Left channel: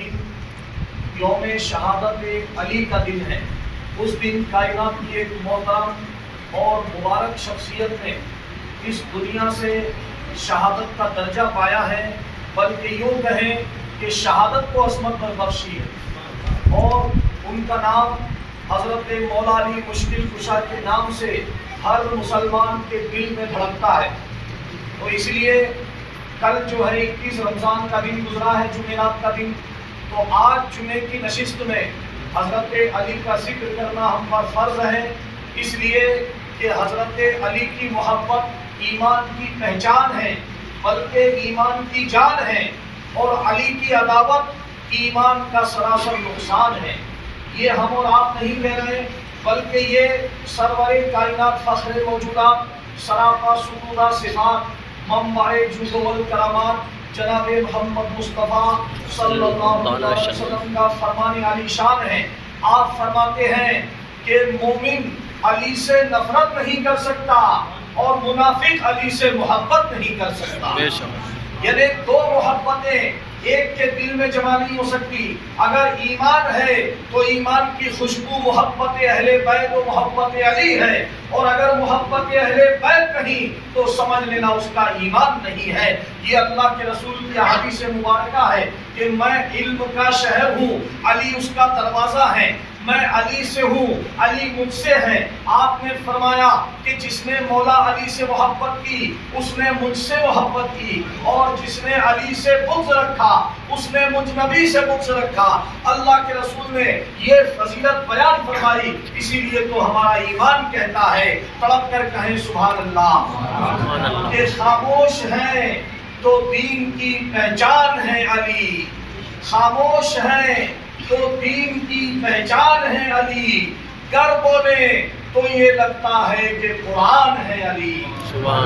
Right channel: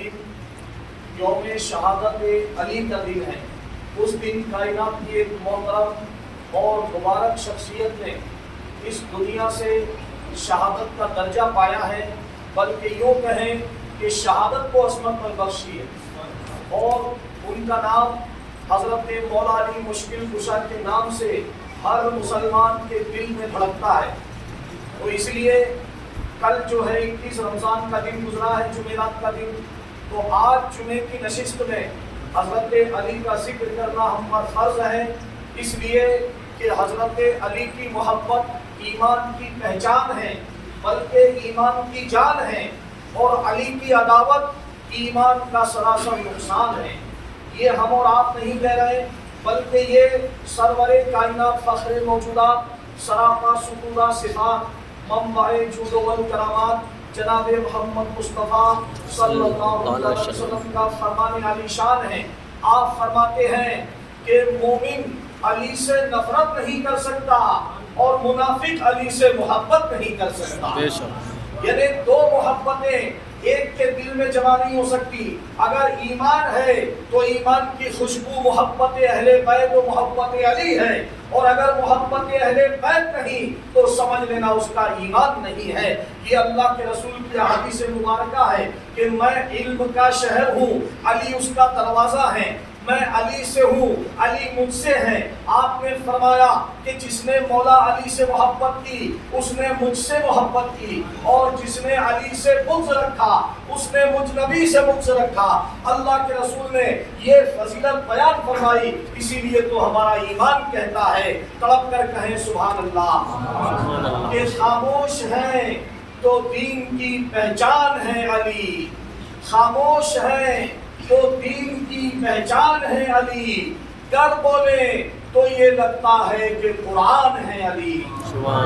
دن یوم شہادت علی کا دن ہے۔ اس دن کائنات کی ایک محترم اور مبارک شخصیت نے اس دنیا سے شہادت کا درجہ پایا ہے، بلکہ یوں کہیں کہ شہادت کو عصمت پر بخشی ہے، اور ان کا نام حضرت مولا علی مشکل کشا کے نام سے ہر مسلمان کے دل میں دھڑکتا ہے۔ تو اس لیے کل جو ہے 21 رمضان کا دن گزرا ہے، جمعرات کا دن، تو آج جمعے کی نشست میں حضرت علی کا ذکر کرنا ہم پر فرض ہے، اس لیے کہ حضرت علی کی محبت ایمان کی پہچان ہے، بلکہ ایمان کی جان ہے، اور علی کی عداوت ایمان کا سراسر نقصان ہے۔ یہ ہم اور آپ نہیں کہہ رہے، بلکہ یہ سرور کائنات فخر موجودات سراپا ستودہ صفات منبع جود و کرامات جناب محمد مصطفیٰ صلی اللہ علیہ وسلم کا فرمان علی شان ہے۔ آپ فرماتے ہیں کہ مومن علی سے نفرت نہیں کر سکتا اور منافق علی سے محبت نہیں کر سکتا۔ یعنی دو محبتیں ایک کے دل میں جمع نہیں ہو سکتی۔ اگر ایمان ہے تو ایمان کی خوشبو محبت اہل بیت و محبت علی ہے، اور اگر محبت اہل بیت نہیں تو سمجھ لینا اس کا ایمان نہیں ہے۔ یہ اللہ کے رسول کی حدیث مبارکہ ہے کہ میں علم کا شہر ہوں، علی اس کا دروازہ ہے، میں علی سے ہوں، علی مجھ سے ہے۔ آپ نے فرمایا کہ جس نے مولا علی سے محبت کی اس نے مجھ سے محبت کی، اور جس نے علی سے بغض رکھا اس نے مجھ نبی سے بغض رکھا۔ اللہ کے رسول نے یہ فضیلت بیان فرمائی، اسی لیے تو ہمارا ایمان کہتا ہے، تڑپ کر کہیں سبحان اللہ۔ یہ خاموش ہیں تو دین کی پہچان ہے علی، خاموش ہیں تو دین کی پہچان ہے علی، گر بولے تو یہ لگتا ہے کہ قرآن ہے علی،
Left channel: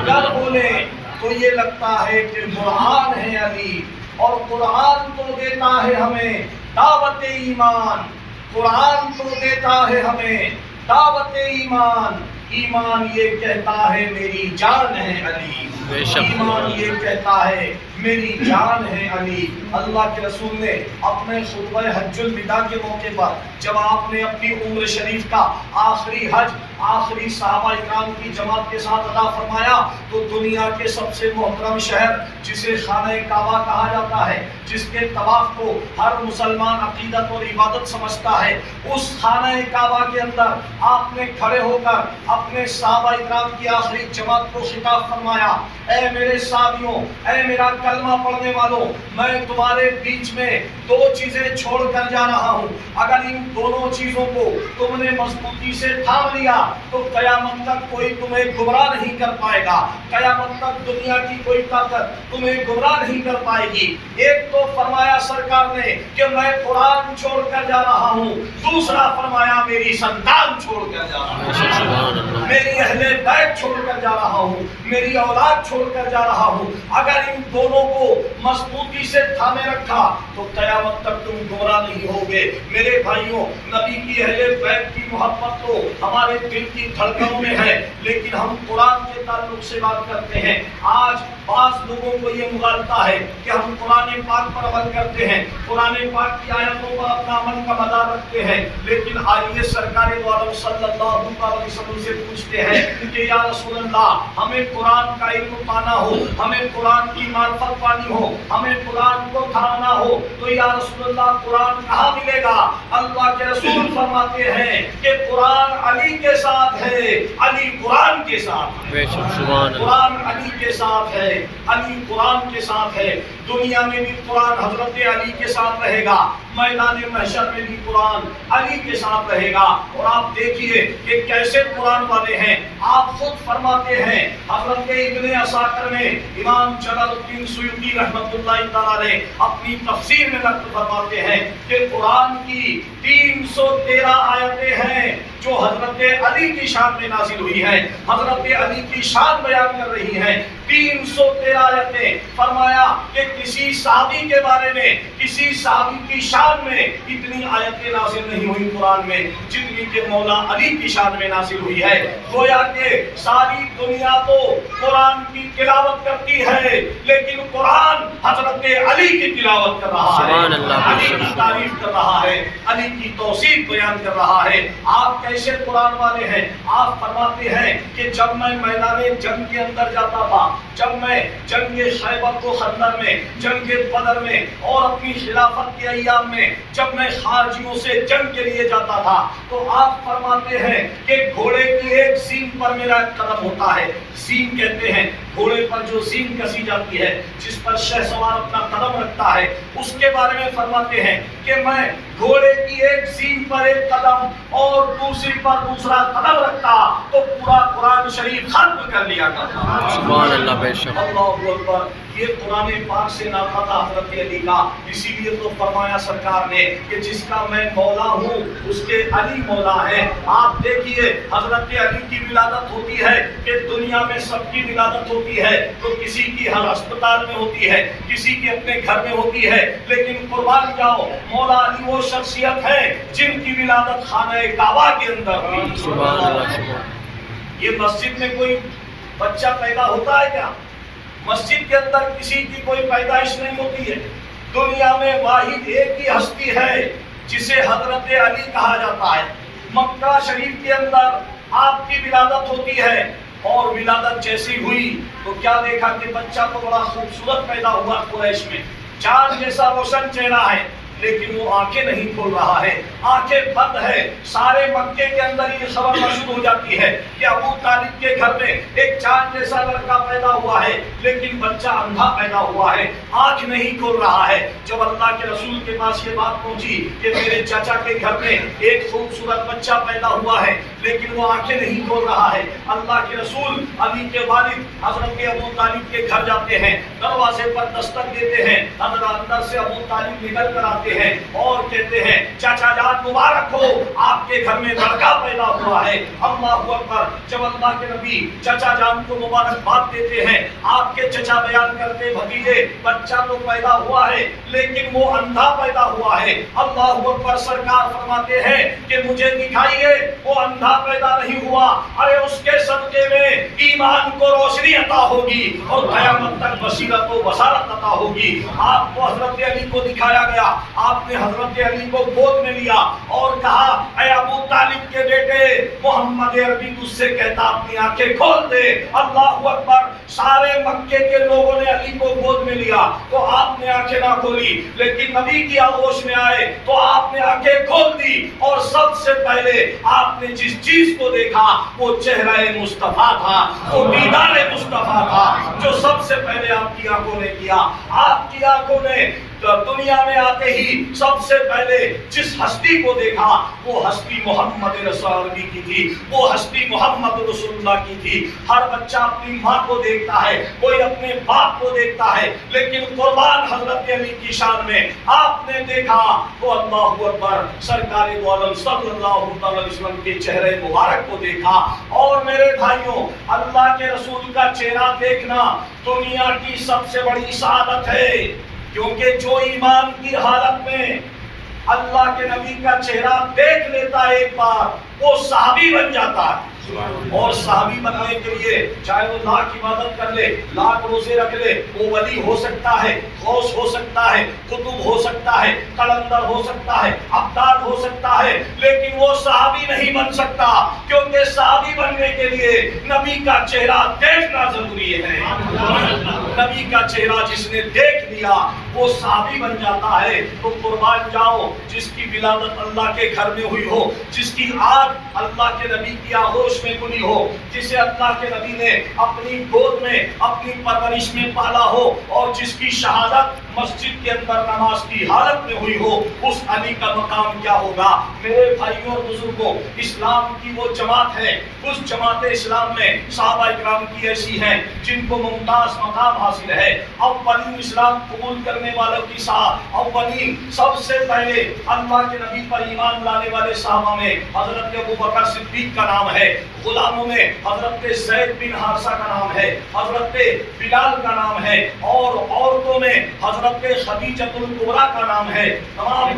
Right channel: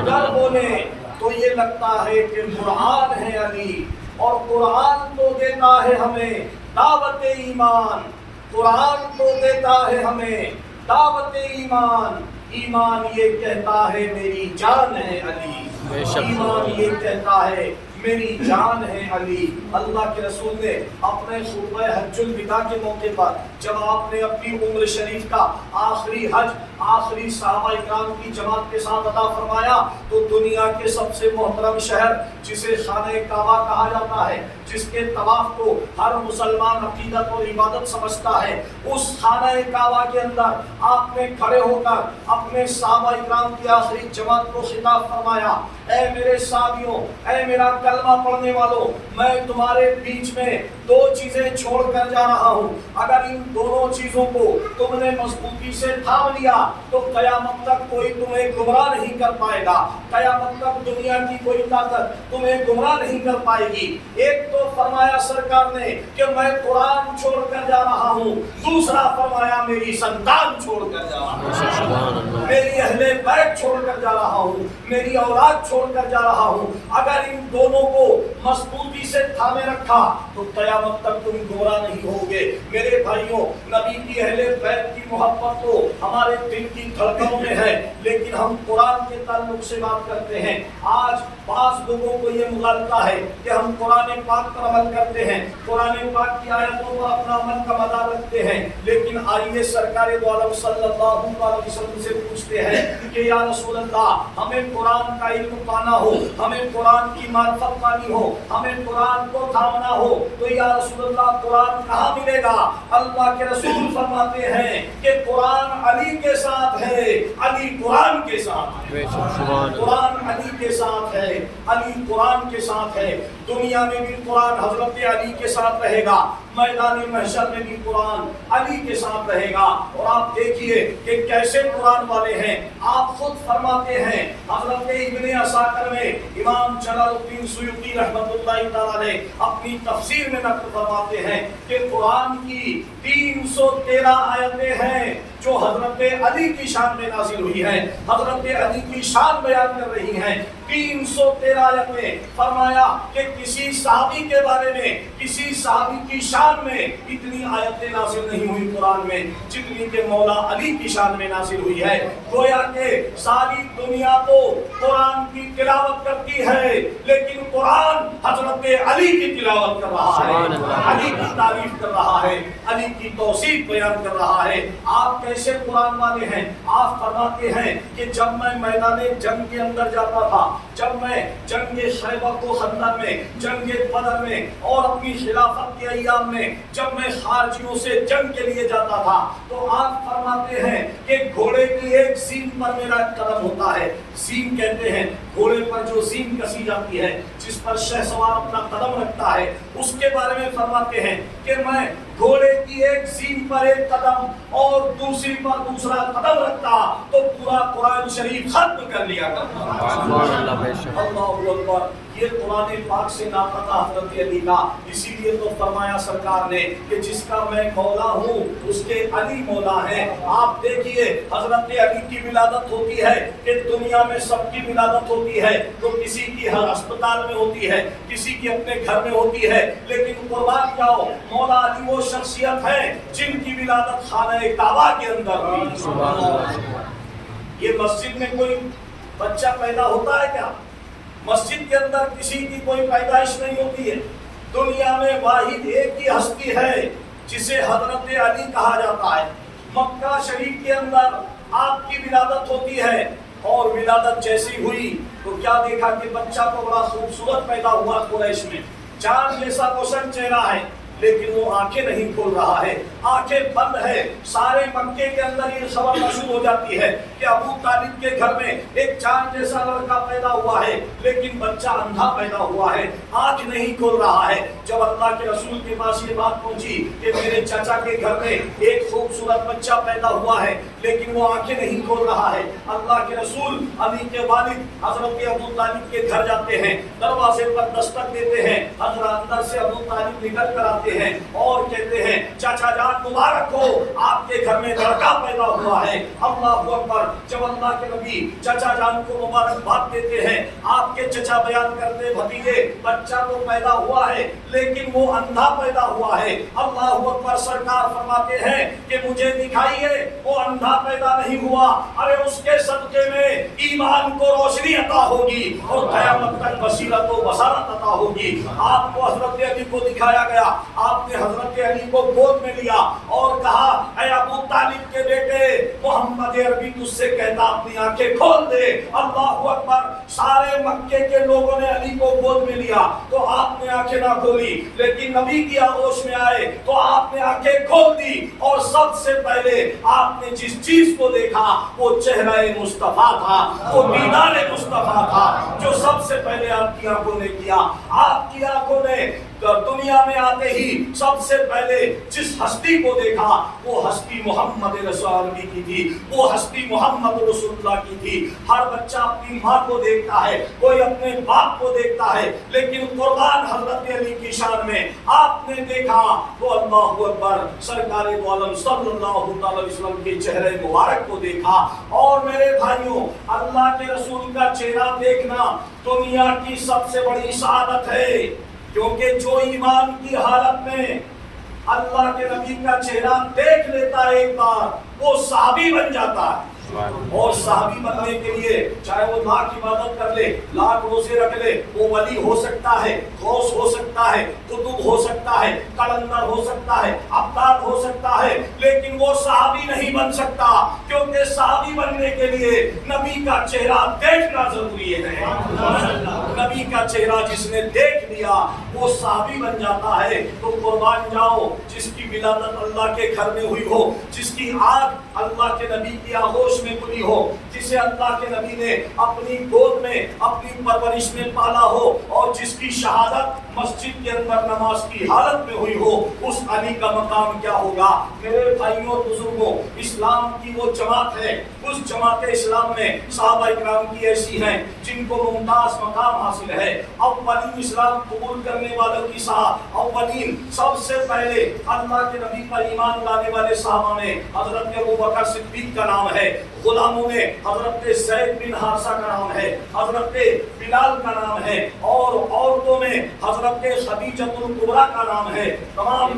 گر بولے تو یہ لگتا ہے کہ قرآن ہے علی۔ اور قرآن تو دیتا ہے ہمیں دعوت ایمان، قرآن تو دیتا ہے ہمیں دعوت ایمان۔ ایمان یہ کہتا ہے میری جان ہے علی، ایمان یہ کہتا ہے میری جان ہے علی۔ اللہ کے رسول نے اپنے خطبہ حج الوداع کے موقع پر جب آپ نے اپنی عمر شریف کا آخری حج آخری صحابہ اکرام کی جماعت کے ساتھ ادا فرمایا، تو دنیا کے سب سے محترم شہر جسے خانہ کعبہ کہا جاتا ہے، جس کے طواف کو ہر مسلمان عقیدت اور عبادت سمجھتا ہے، اس خانہ کعبہ کے اندر آپ نے کھڑے ہو کر اپنے صحابہ اکرام کی آخری جماعت کو خطاب فرمایا، اے میرے صحابیوں، اے میرا کلمہ پڑھنے والوں، میں تمہارے بیچ میں دو چیزیں چھوڑ کر جا رہا ہوں، اگر ان دونوں چیزوں کو تم نے مضبوطی سے تھام لیا تو قیامت تک کوئی تمہیں گمراہ نہیں کر پائے گا، قیامت تک دنیا کی کوئی طاقت تمہیں گمراہ نہیں کر پائے گی۔ ایک تو فرمایا سرکار نے کہ میں قرآن چھوڑ کر جا رہا ہوں، دوسرا فرمایا میری سنتان چھوڑ کر جا رہا ہوں، میری اہل بیت چھوڑ کر جا رہا ہوں، میری اولاد چھوڑ کر جا رہا ہوں۔ اگر ان دونوں کو مضبوطی سے تھامے رکھا تو قیامت تک تم گمراہ نہیں ہوگے۔ میرے بھائیوں، نبی کی اہل بیت کی محبت تو ہمارے دل کی دھڑکنوں میں ہے، لیکن ہم قرآن کے تعلق سے بات کرتے ہیں۔ آج بعض لوگوں کو یہ مغالطہ ہے کہ ہم قرآن پاک پر عمل کرتے ہیں، قرآن پاک کی آیتوں پر اپنا عمل کا مدار رکھتے ہیں، لیکن آئیے سرکار دو عالم صلی اللہ علیہ وسلم سے پوچھتے ہیں کہ یا رسول اللہ، ہمیں قرآن کا علم پانا ہو، ہمیں قرآن کی معرفت پانی ہو، ہمیں قرآن کو تھامنا ہو، تو یا رسول اللہ قرآن کہاں ملے گا؟ اللہ کے رسول فرماتے ہیں کہ قرآن علی کے ساتھ ہے، علی قرآن کے ساتھ ہے، قرآن علی کے ساتھ ہے، علی قرآن کے ساتھ ہے۔ دنیا میں بھی قرآن حضرت علی کے ساتھ رہے گا، میدان محشر میں بھی قرآن علی کے ساتھ رہے گا۔ اور آپ دیکھیے کہ کیسے قرآن والے ہیں، آپ خود فرماتے ہیں، حضرت ابن عساکر میں امام جلال الدین سیوطی رحمۃ اللہ تعالی علیہ اپنی تفسیر میں نقل فرماتے ہیں کہ قرآن کی 313 آیتیں ہیں جو حضرت علی کی شان میں نازل ہوئی ہیں، حضرت علی کی شان بیان کر رہی ہیں۔ 313 آیتیں، فرمایا کہ کسی صحابی کے بارے میں، کسی صحابی کی شان میں اتنی آیتیں نازل نہیں ہوئی قرآن میں جتنی کہ مولا علی کی شان میں نازل ہوئی ہے. گویا کہ ساری دنیا تو قرآن کی تلاوت کرتی ہے لیکن قرآن حضرت علی کی تلاوت کر رہا ہے, علی کی تعریف کر رہا ہے, علی کی توصیف بیان کر رہا ہے. آپ کیسے قرآن والے ہیں؟ آپ فرماتے ہیں کہ جب میں میدان جنگ کے اندر جاتا تھا, جب میں جنگ خیبر و خندق میں, جنگ بدر میں اور اپنی خلافت کے ایام میں جب میں خارجیوں سے جنگ کے لیے جاتا تھا تو آپ فرماتے ہیں کہ گھوڑے کی ایک سینگ پر میرا قدم ہوتا ہے. سینگ کہتے ہیں گھوڑے پر جو سینگ کسی جاتی ہے, جس پر شہسوار اپنا قدم رکھتا ہے, اس کے بارے میں فرماتے ہیں کہ میں گھوڑے کی ایک سینگ پر ایک قدم اور دوسری پر دوسرا قدم رکھتا تو پورا قرآن شریف ختم کر لیا کرتا. سبحان اللہ, بے شک. اللہ اکبر. یہ قرآن پاک سے ناپتہ حضرت علی کا, اسی لیے تو فرمایا سرکار نے کہ جس کا میں مولا ہوں اس کے علی مولا ہے. آپ دیکھیے حضرت علی کی ولادت ہوتی ہے کہ دنیا میں سب کی ولادت ہوتی ہے, تو کسی کی ہر اسپتال میں ہوتی ہے, کسی کی اپنے گھر میں ہوتی ہے, لیکن قربان جاؤ مولا علی وہ شخصیت ہے جن کی ولادت خانہ کعبہ کے اندر ہوئی. سبحان اللہ. یہ مسجد میں کوئی بچہ پیدا ہوتا ہے کیا؟ مسجد کے اندر کسی کی کوئی پیدائش نہیں ہوتی ہے. دنیا میں واحد ایک ہی ہستی ہے جسے حضرت علی کہا جاتا ہے. مکہ شریف کے اندر آپ کی ولادت ہوتی ہے اور ولادت جیسی ہوئی تو کیا دیکھا کہ بچہ تو بڑا خوبصورت پیدا ہوا قریش میں, چاند جیسا روشن چہرہ ہے, لیکن وہ آنکھیں نہیں کھول رہا ہے, آنکھیں بند ہے. سارے مکے کے اندر یہ خبر مشہور ہو جاتی ہے کہ ابو طالب کے گھر میں ایک چاند جیسا لڑکا پیدا ہوا ہے لیکن بچہ اندھا پیدا ہوا ہے, آنکھ نہیں کھول رہا ہے. جب اللہ کے رسول کے پاس یہ بات پہنچی کہ میرے چچا کے گھر میں ایک خوبصورت بچہ پیدا ہوا ہے لیکن وہ آنکھیں نہیں کھول رہا ہے, اللہ کے رسول علی کے والد حضرت ابو طالب کے گھر جاتے ہیں, دروازے پر دستک دیتے ہیں. حضرت اندر سے ابو طالب نکل کر آتے ہیں اور کہتے ہیں چاچا جان مبارک ہو, آپ کے گھر میں لڑکا پیدا ہوا ہے. اللہ اکبر. جب اللہ کے نبی چچا جان کو مبارکباد دیتے ہیں, آپ کے چچا بیان کرتے بھتیجے بچہ تو پیدا ہوا ہے لیکن وہ اندھا پیدا ہوا ہے. اللہ اکبر. سرکار فرماتے ہیں کہ مجھے دکھائیے وہ اندھا پیدا نہیں ہوا, ارے اس کے صدقے میں ایمان کو روشنی عطا ہوگی اور قیامت تک بصیرت و بصارت عطا ہوگی. آپ کو حضرت علی کو دکھایا گیا, آپ نے حضرت علی کو گود میں لیا اور کہا اے ابو طالب کے بیٹے محمد عربی تجھ سے کہتا اپنی آنکھیں کھول دے. اللہ اکبر. سارے مکے کے لوگوں نے علی کو گود میں لیا تو آپ نے آنکھیں نہ کھولی, لیکن نبی کی آغوش میں آئے تو آپ نے آنکھیں کھول دی اور سب سے پہلے آپ نے جس چیز کو دیکھا وہ چہرہ مصطفیٰ تھا, وہ دیدار مصطفیٰ تھا جو سب سے پہلے آپ کی آنکھوں نے کیا. آپ کی آنکھوں نے دنیا میں آتے ہی سب سے پہلے جس ہستی کو دیکھا وہ ہستی محمد رسول اللہ کی تھی, وہ ہستی محمد رسول اللہ کی تھی. ہر بچہ اپنی ماں کو دیکھتا ہے, کوئی اپنے باپ کو دیکھتا ہے, لیکن قربان حضرت علی کی شان میں آپ نے دیکھا تو اللہ اکبر سرکار دو عالم صلی اللہ علیہ وسلم کے چہرے مبارک کو دیکھا. اور میرے بھائیوں, اللہ کے رسول کا چہرہ دیکھنا دنیا کی سب سے بڑی سعادت ہے, کیونکہ جو ایمان کی حالت میں اللہ کے نبی کا چہرہ دیکھ لیتا ہے ایک بار وہ صحابی بن جاتا ہے. اور صحابی بننے کے لیے چاہے وہ لاکھ عبادت کر لے, لاکھ روزے رکھ لے, وہ ولی ہو سکتا ہے, غوث ہو سکتا ہے, قطب ہو سکتا ہے, قلندر ہو سکتا ہے, ابدال ہو سکتا ہے, لیکن وہ صحابی نہیں بن سکتا, کیونکہ صحابی بننے کے لیے نبی کا چہرہ دیکھنا ضروری ہے. نبی کا چہرہ جس نے دیکھ لیا وہ صحابی بن جاتا ہے. تو قربان جاؤ جس کی ولادت اللہ کے گھر میں ہوئی ہو, جس کی آگ اللہ کے نبی کی آغوش میں کھلی ہو, جسے اللہ کے نبی نے اپنی گود میں اپنی پرورش میں پالا ہو, اور جس کی شہادت مسجد کے اندر نماز کی حالت میں ہوئی ہو, اس علی کا مقام کیا ہوگا. میرے بھائیوں اور بزرگوں, اسلام کی وہ جماعت ہے, اس جماعت اسلام میں صحابہ کرام کی ایسی ہیں جن کو ممتاز مقام حاصل ہے. اولین اسلام قبول کرنے کرنے والوں کی اولین سب سے پہلے اللہ کے نبی پر ایمان لانے والے صحابہ میں حضرت ابوبکر صدیق کا نام ہے، غلاموں میں حضرت زید بن حارثہ کا نام ہے، حضرت بلال کا نام ہے، اور عورتوں میں حضرت خدیجہ الکبریٰ کا نام ہے، تمام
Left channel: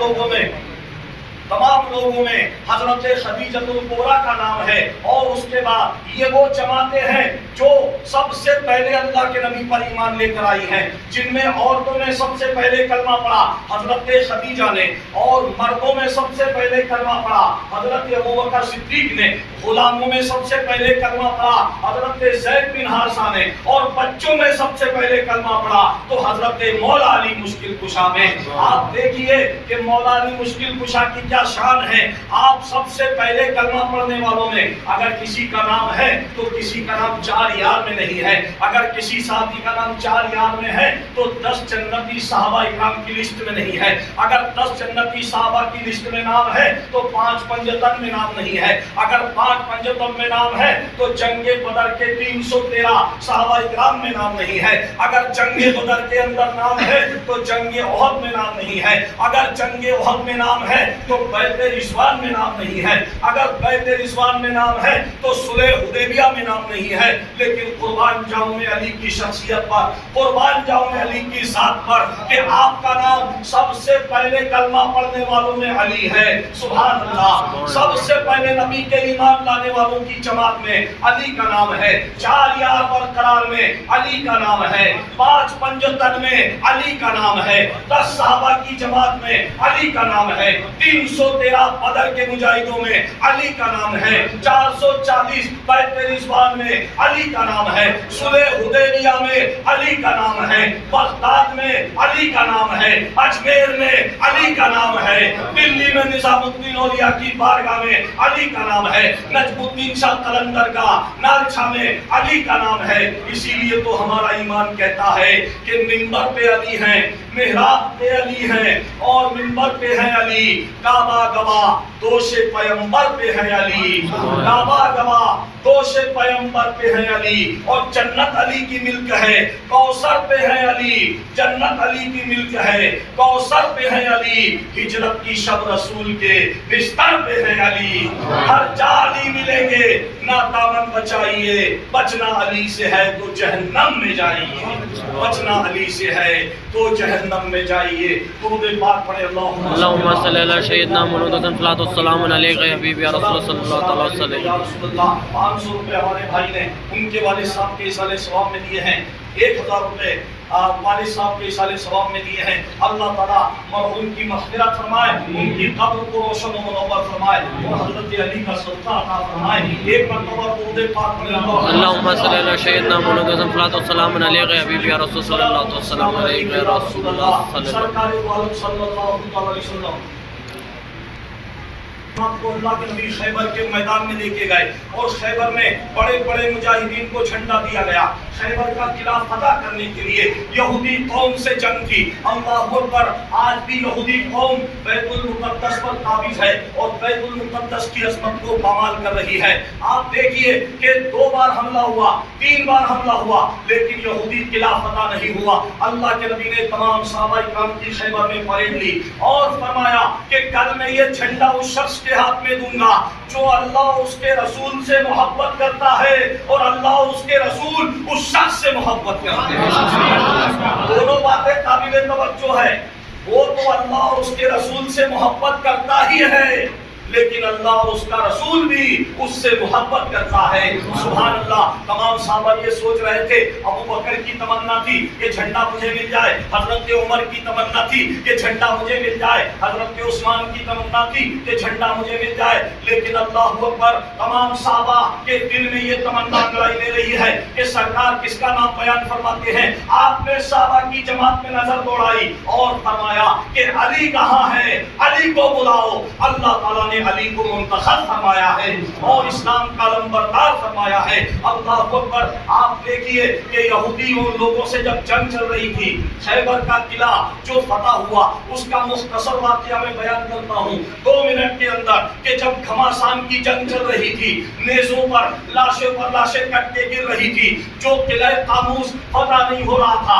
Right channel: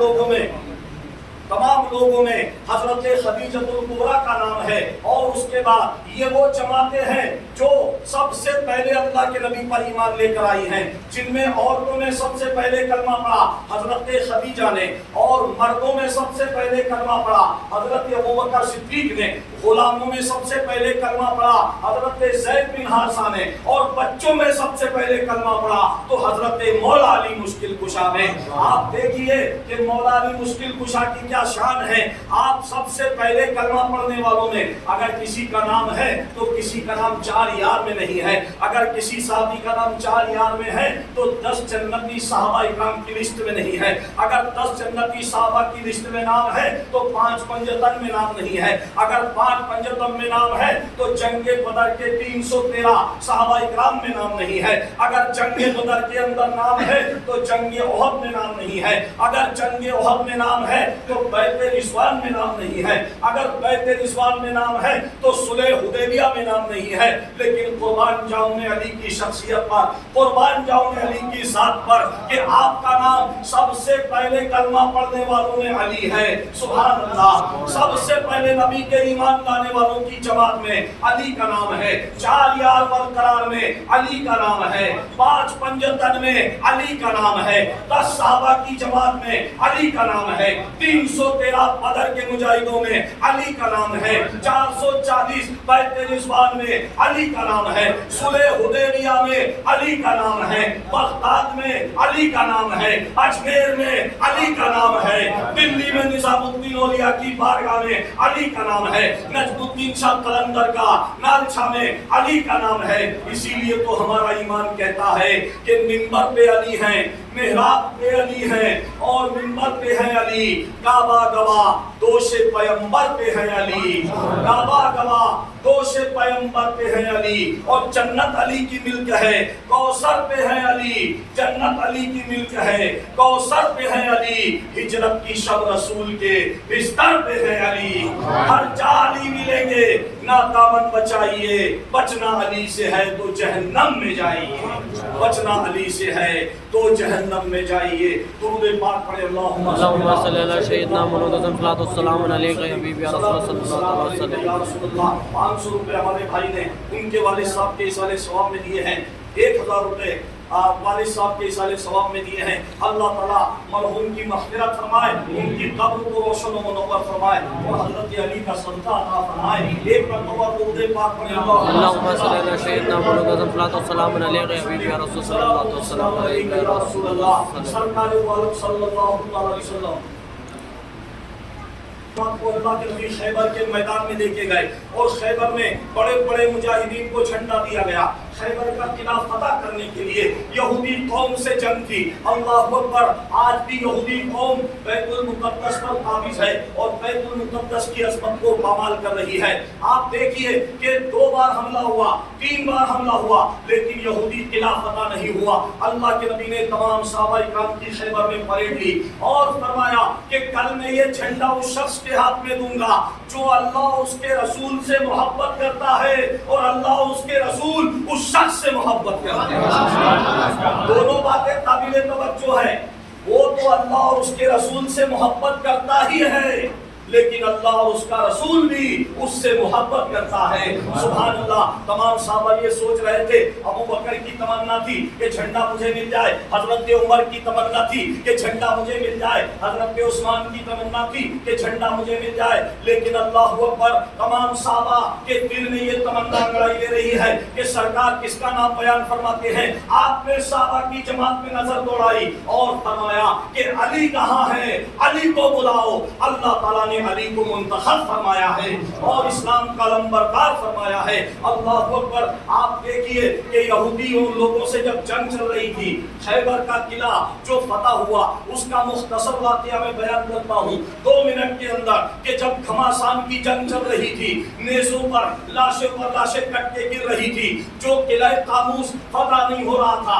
لوگوں میں حضرت خدیجہ الکبریٰ کا نام ہے۔ اور اس کے بعد یہ وہ جماعتیں ہیں جو سب سے پہلے اللہ کے نبی پر ایمان لے کر آئی ہیں، جن میں عورتوں نے سب سے پہلے کلمہ پڑھا حضرت خدیجہ نے، اور مردوں میں سب سے پہلے کلمہ پڑھا حضرت ابوبکر صدیق نے، غلاموں میں سب سے پہلے کلمہ پڑھا حضرت زید بن حارثہ نے، اور بچوں میں سب سے پہلے کلمہ پڑھا تو حضرت مولا علی مشکل کشا میں۔ آپ دیکھیے کہ مولا علی مشکل کشا کی کیا شان ہے۔ آپ سب سے پہلے کلمہ پڑھنے والوں میں اگر کسی کا نام ہے تو کسی کا نام 4 یار میں نہیں ہے، اگر کسی صحابی کا نام 4 یار میں ہے تو 10 جنتی صحابہ اکرام کی لسٹ میں نہیں ہے، اگر 10 جنتی صحابہ کی لسٹ میں نام ہے تو 5 پنجتن میں نام نہیں ہے، اگر 5 پنجتن میں نام ہے تو جنگ بدر کے 313 صحابہ اکرام میں نام نہیں ہے، اگر جنگ بدر کے اندر نام ہے تو جنگ احد میں نام نہیں ہے، اگر جنگ احد میں نام ہے تو بیعت رضوان میں نام نہیں ہے، اگر بیعت رضوان میں نام ہے تو صلح حدیبیہ میں نام نہیں ہے۔ لیکن قربان جاؤں میں علی کی شخصیت پر، قربان جاؤں میں علی کی ذات پر کہ آپ کا نام سب سے پہلے کلمہ پڑھنے والوں میں علی ہے۔ سبحان اللہ، سب سے پہلے نبی کے ایمان لانے والوں کی جماعت میں علی کا نام ہے، 4 یار برقرار میں علی کا نام ہے، 5 پنجتن میں علی کا نام ہے، 10 صحابہ کی جماعت میں علی کا نام ہے، 313 بدر کے مجاہدوں میں علی کا نام ہے، 440 بیعت رضوان میں علی کا نام ہے، صلح حدیبیہ میں علی کا نام ہے، بغداد میں علی کا نام ہے، اجمیر میں علی کا نام ہے، دلی میں نظام الدین اولیاء کی بارگاہ میں علی کا نام ہے، نجم الدین شاہ قلندر کا نالچھا میں علی کا نام ہے۔ اسی لیے تو ہمارا ایمان کہتا ہے کہ منبر پہ علی ہیں، محراب پہ علی ہیں، اور منبر پہ ہیں علی، کعبہ گواہ دوش پیمبر پہ ہے علی، کعبہ گواہ دوش پیمبر پہ ہے علی، اور جنت علی کی ملک ہے، کوثر پہ ہے علی، جنت علی کی ملک ہے، کوثر پہ ہے علی، ہجرت کی شب رسول کے بستر پہ ہے علی، ہر جا علی ملیں گے، نہ دامن بچائیے، بچنا علی سے ہے تو جہنم میں جائیے، بچنا علی سے ہے تو جہنم میں جائیے۔ درود پاک پڑھے اللہم صلی اللہ سیدنا محمد صلاۃ والسلام علیہ یا حبیب یا رسول صلی اللہ علیہ وسلم۔ یا رسول اللہ، 500 روپے ہمارے بھائی نے ان کے والد صاحب کے اصالہ ثواب میں دیے ہیں، 1000 روپے والد صاحب کے اصالہ ثواب میں دیے ہیں۔ اللہ تعالیٰ مرحوم کی مغفرت فرمائے، ان کی قبر کو روشن و منور فرمائے، اور حضرت علی کا صدقہ عطا فرمائے۔ ایک مرتبہ درود پاک پڑھے اللہم صلی اللہ سیدنا محمد صلاۃ والسلام علیہ یا حبیب یا رسول صلی اللہ علیہ وسلم یا رسول اللہ سرکار والد صلی اللہ علیہ وسلم کو اللہ کے نبی خیبر کے میدان میں لے کے گئے، اور خیبر میں بڑے بڑے مجاہدین کو جھنڈا دیا گیا۔ خیبر کا قلعہ فتح کرنے کے لیے یہودی قوم سے جنگ تھی۔ اللہ اکبر، آج بھی یہودی قوم بیت المقدس پر قابض ہے اور بیت المقدس کی عظمت کو پامال کر رہی ہے۔ آپ دیکھیے کہ 2 بار حملہ ہوا، 3 بار حملہ ہوا، لیکن یہودی قلعہ فتح نہیں ہوا۔ اللہ کے نبی نے تمام صحابہ اکرام کی خیبر میں پریڈ لی اور فرمایا کہ کل میں یہ جھنڈا اس شخص کے ہاتھ میں دوں گا جو اللہ اس کے رسول سے محبت کرتا ہے اور اللہ اس کے رسول اس شخص سے محبت کرتے ہیں۔ دونوں باتیں قابل توجہ ہے، وہ تو اللہ اور اس کے رسول سے محبت کرتا ہی ہے، لیکن اللہ اور اس کا رسول بھی اس سے محبت کرتا ہے۔ سبحان اللہ، تمام صحابہ یہ سوچ رہے تھے، ابو بکر کی تمنا تھی کہ جھنڈا مجھے مل جائے، حضرت عمر کی تمنا تھی کہ جھنڈا مجھے مل جائے، حضرت عثمان کی تمنا تھی کہ جھنڈا مجھے مل جائے، لیکن اللہ اکبر، تمام صحابہ کے دل میں یہ تمنا انگڑائی لے رہی ہے کہ سرکار کس کا نام بیان فرماتے ہیں۔ آپ نے صحابہ کی جماعت میں نظر دوڑائی اور فرمایا کہ علی کہاں ہے، علی کو بلاؤ۔ اللہ تعالیٰ نے علی کو منتخب فرمایا ہے اور اسلام کا لمبردار فرمایا ہے۔ اللہ اکبر، آپ دیکھیے کہ یہودی ان لوگوں سے جب جنگ چل رہی تھی، خیبر کا قلعہ جو فتح ہوا، اس کا مختصر واقعہ میں بیان کرتا ہوں 2 منٹ کے اندر، کہ جب گھماسان کی جنگ چل رہی تھی، نیزوں پر لاشیں کٹ کے گر رہی تھی، جو قلعہ قاموس فتح نہیں ہو رہا تھا،